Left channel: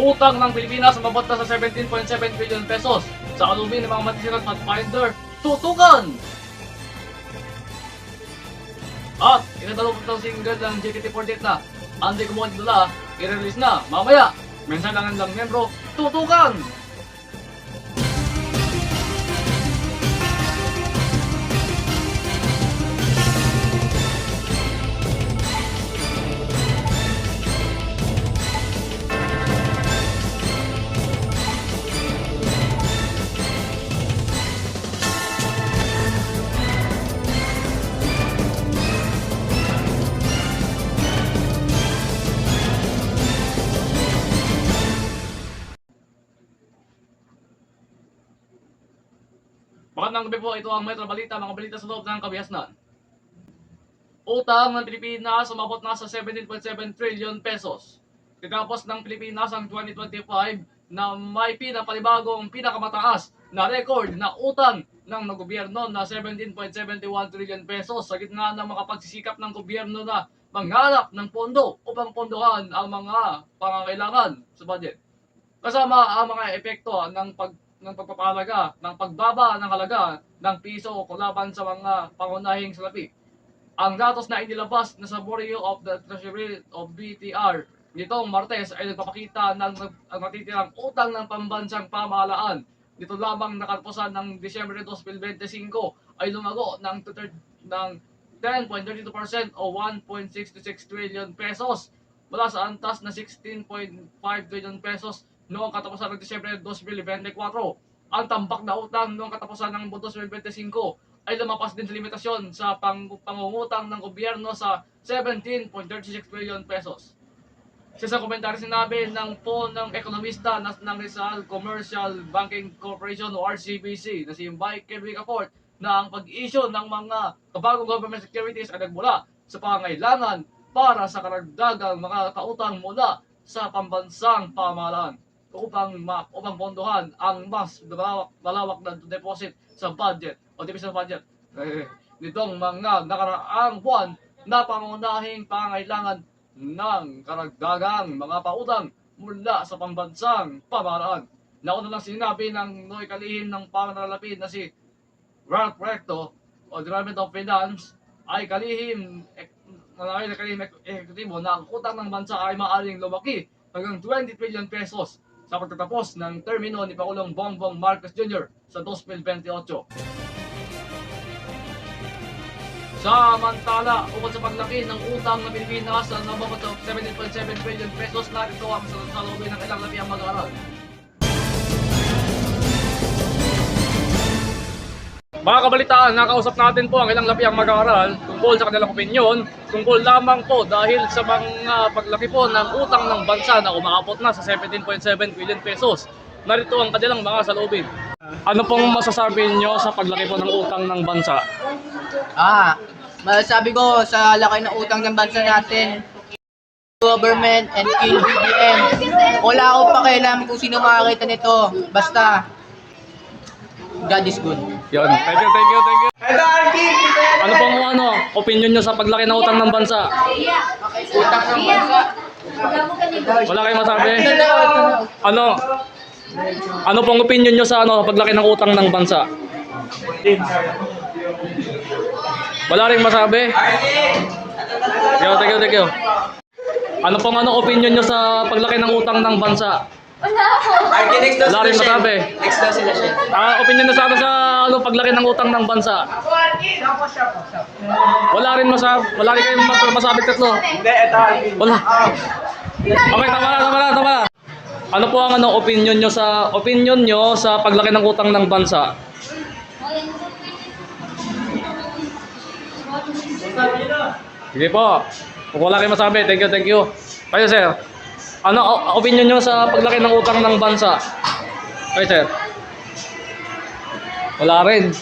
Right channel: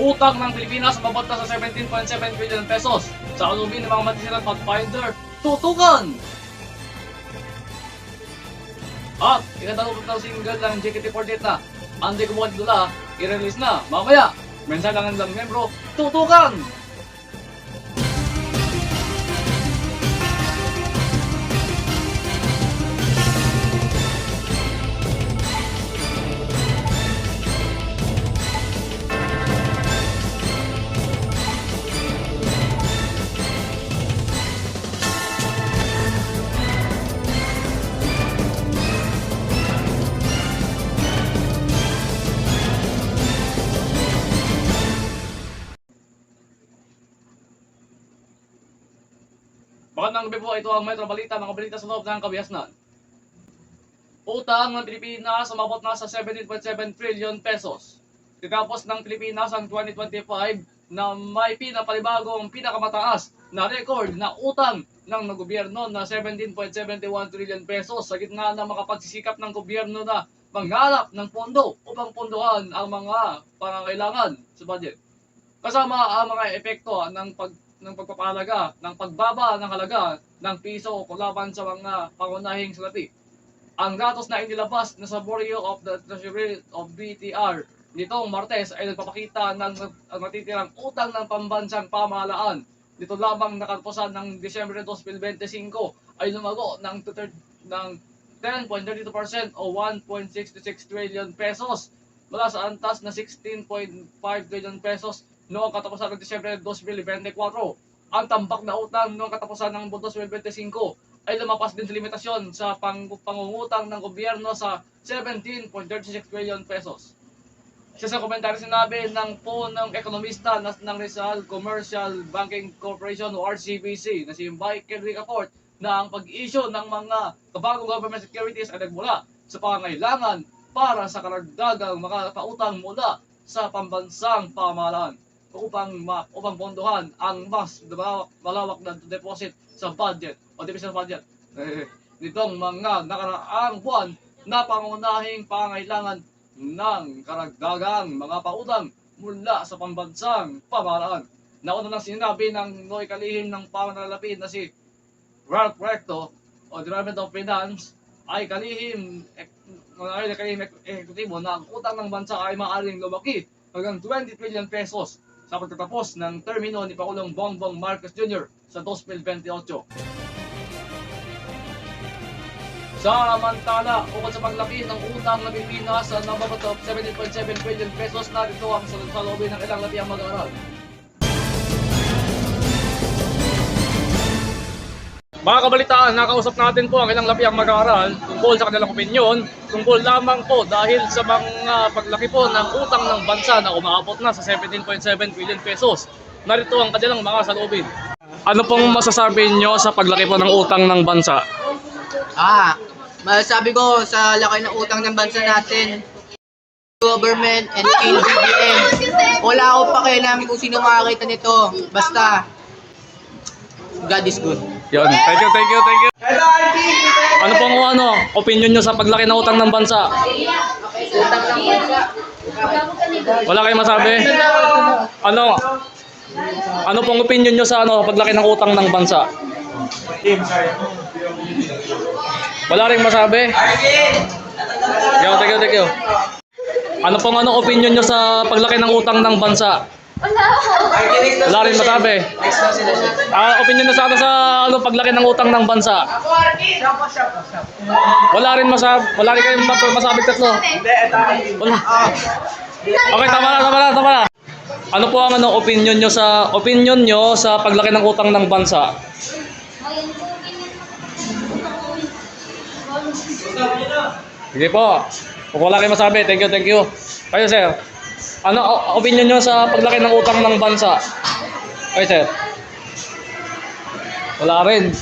Utang ng Pilipinas umabot na sa 17.7 trillion pesos. Sa alumin ng mga matisirang Pathfinder, tutukan! At inadalo ko ng single ng JKT48 na Andy Kumuha Dula, i-release na mamaya. Mensan lang ang membro, tutukan! Magandang gabi po, ito ang Metro Balita, mga balita sa loob ng kabihasnan. Utang ng Pilipinas umabot na sa 17.7 trillion pesos. Tinapos ng Pilipinas ang 2025 na may pinapalibagong pinakamataas na record na utang ng gobyerno na 17.71 trillion pesos sa gitna ng makapagsisikap ng gobyerno na manghalap ng pondo upang pondohan ang mga pangangailangan sa budget. Kasama ang mga epekto ng pagpapahalaga ng pagbaba ng halaga ng piso laban sa mga pangunahing salapi. Ang datos na inilabas na sa Bureau of the Treasury of BTR nitong Martes ay nagpapakita ng natitirang utang ng pambansang pamahalaan. Dito lamang nakatapusan ng Disyembre 2025 ay lumago ng 10.32% o 1.66 trillion pesos mula sa antas na 16.5 trillion pesos noong katapusan ng Disyembre 2024. Ang tambak na utang noong katapusan ng 2025 ay lumapas din sa limitasyon sa pangungutang ng gobyerno sa 17.36 trillion pesos. Sa isang komentaryo sinabi ng punong ekonomista ng Rizal Commercial Banking Corporation o RCBC na si Michael Ricafort na ang pag-issue ng mga kabagong government securities ay nagmula sa pangangailangan para sa karagdagang mga pautang mula sa pambansang pamahalaan upang pondohan ang mas malawak na deposit sa budget o deficit budget. Nitong mga nakaraang buwan na pangunahing pangailangan ng karagdagang mga pautang mula sa pambansang pamahalaan. Nauna nang sinabi ng Noy Kalihim ng panganalapid na si Ralph Recto o Department of Finance ay kalihim eksekutibo na ang utang ng bansa ay maaaring lumaki hanggang 20 trillion pesos sa pagtatapos ng termino ni Pangulong Bongbong Marcos Jr. sa 2028. Samantala, ukol sa paglaki ng utang ng Pilipinas sa numabot of 17.7 trillion pesos, narito ang salubin ng ilang labi ang mag-aaral. Mga kabalitaan, nakausap natin po ang ilang lapiang mag-aaral tungkol sa kanilang opinyon, tungkol lamang po dahil sa mga paglaki po ng utang ng bansa na umaabot na sa 17.7 trillion pesos. Narito ang kanilang mga salubin. Ano pong masasabi nyo sa paglaki po ng utang ng bansa? Masasabi ko sa laki ng utang ng bansa natin, government and kill BBM. Wala akong pakialam kung sino makakita nito. Basta, God is good. Yun. Thank you. Ano pong opinion nyo sa paglaki ng utang ng bansa? Utang ng bansa. Wala kayong masabi? Ano pong opinion nyo sa paglaki ng utang ng bansa? Wala ring masabi? Thank you. Ano pong opinion nyo sa paglaki ng utang ng bansa? Wala rin masabi. Opinion na sa paglaki ng utang ng bansa. Wala rin kayong masabi tatlo. Wala. Okay, tama na. Ano po ang opinion nyo sa paglaki ng utang ng bansa? Sige po. Kung wala kayong masabi, thank you. Kayo, sir. Ano opinion nyo sa paglaki ng utang ng bansa? Okay, sir. Wala rin.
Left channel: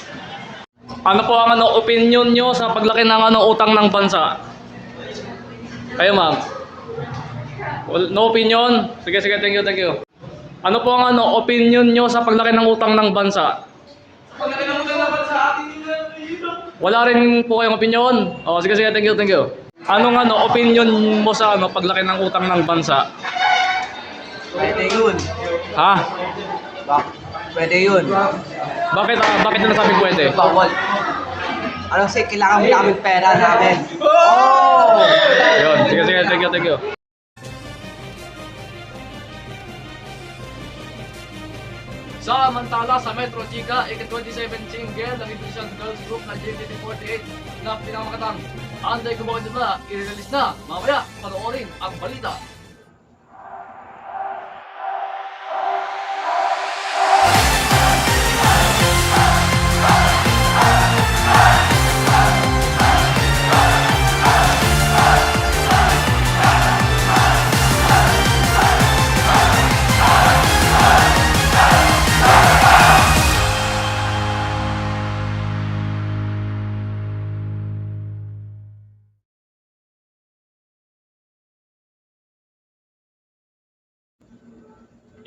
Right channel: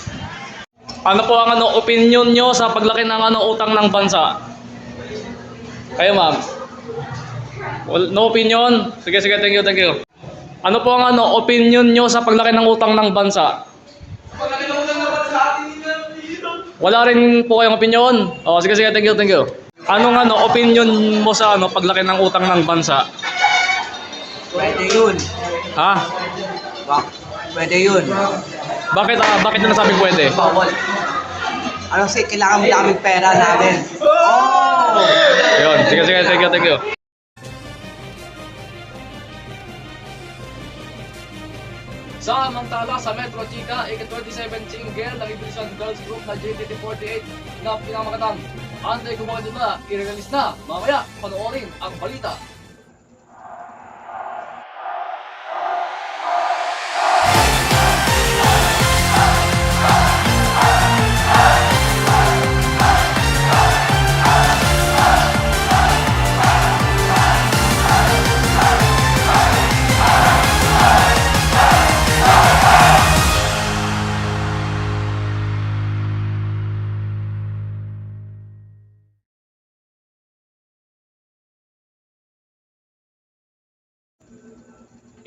Ano po ang opinion nyo sa paglaki ng utang ng bansa? Kayo, ma'am. No opinion? Sige, thank you. Ano po ang opinion nyo sa paglaki ng utang ng bansa? Wala rin po kayong opinion? Sige, thank you. Anong opinion mo sa paglaki ng utang ng bansa? Pwede yun. Ha? Pwede yun. Bakit na nasabing pwede? Bawal. Ano kasi kailangan mo namin pera namin. Oh! Ayun, sige, thank you. Samantala sa Metro Chica, 27 single ng Indonesian Girls Group na JKT48 na pinakamakatang Anday Kumakan nila, i-release na. Mamaya, panoorin ang balita.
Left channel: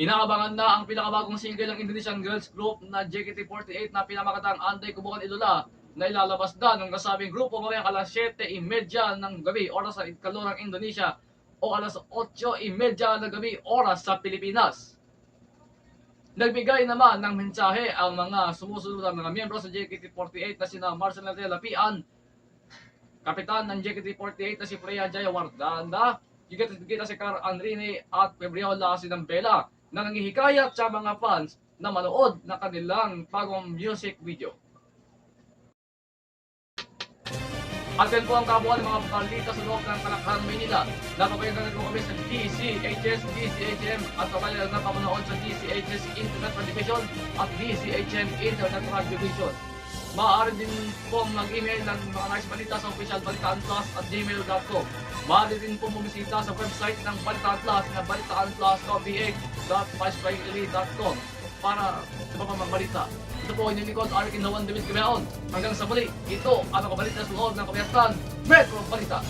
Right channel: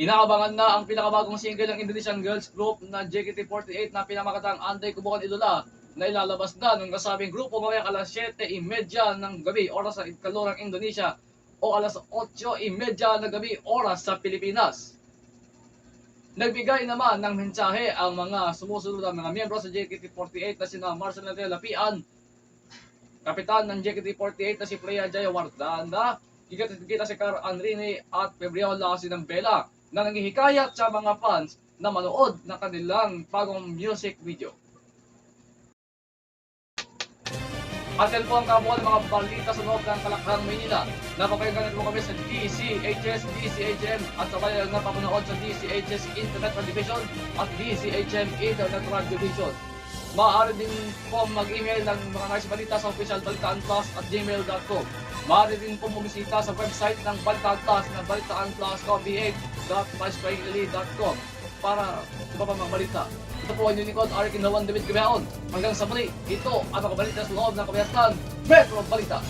Inaabangan na ang pinakabagong single ng Indonesian Girls Group na JKT48 na pinamakatang Anday Kubukan Idola na ilalabas na ng kasabing grupo mamaya alas 7:30 ng gabi oras sa Kalorang Indonesia o alas 8:30 ng gabi oras sa Pilipinas. Nagbigay naman ng mensahe ang mga sumusunod ang mga miyembro sa JKT48 na sina Marcel Natela Pian, kapitan ng JKT48 na si Freya Jayawardana, kita si Car Anrini at Febriola Sinambela na nanghihikayat sa mga fans na manood ng kanilang bagong music video. Atin po ang kabuuan ng mga balita sa loob ng Kalakhan, Manila. Napapayaganan po kami sa DCHS, DCHM at sabay na pamunood sa DCHS Internet Television at DCHM Internet Radio Vision. Maaari din po mag-email ng mga nais balita sa official balitaanplus at gmail.com. Maaari din po bumisita sa website ng Balitaan Plus na balitaanplus.ph.myspaceeli.com para sa mga balita. Ito po ang Unicorn Arik Inawan David Gabeon. Hanggang sa muli, ito ang mga balita sa loob ng Kabayatan Metro Balita.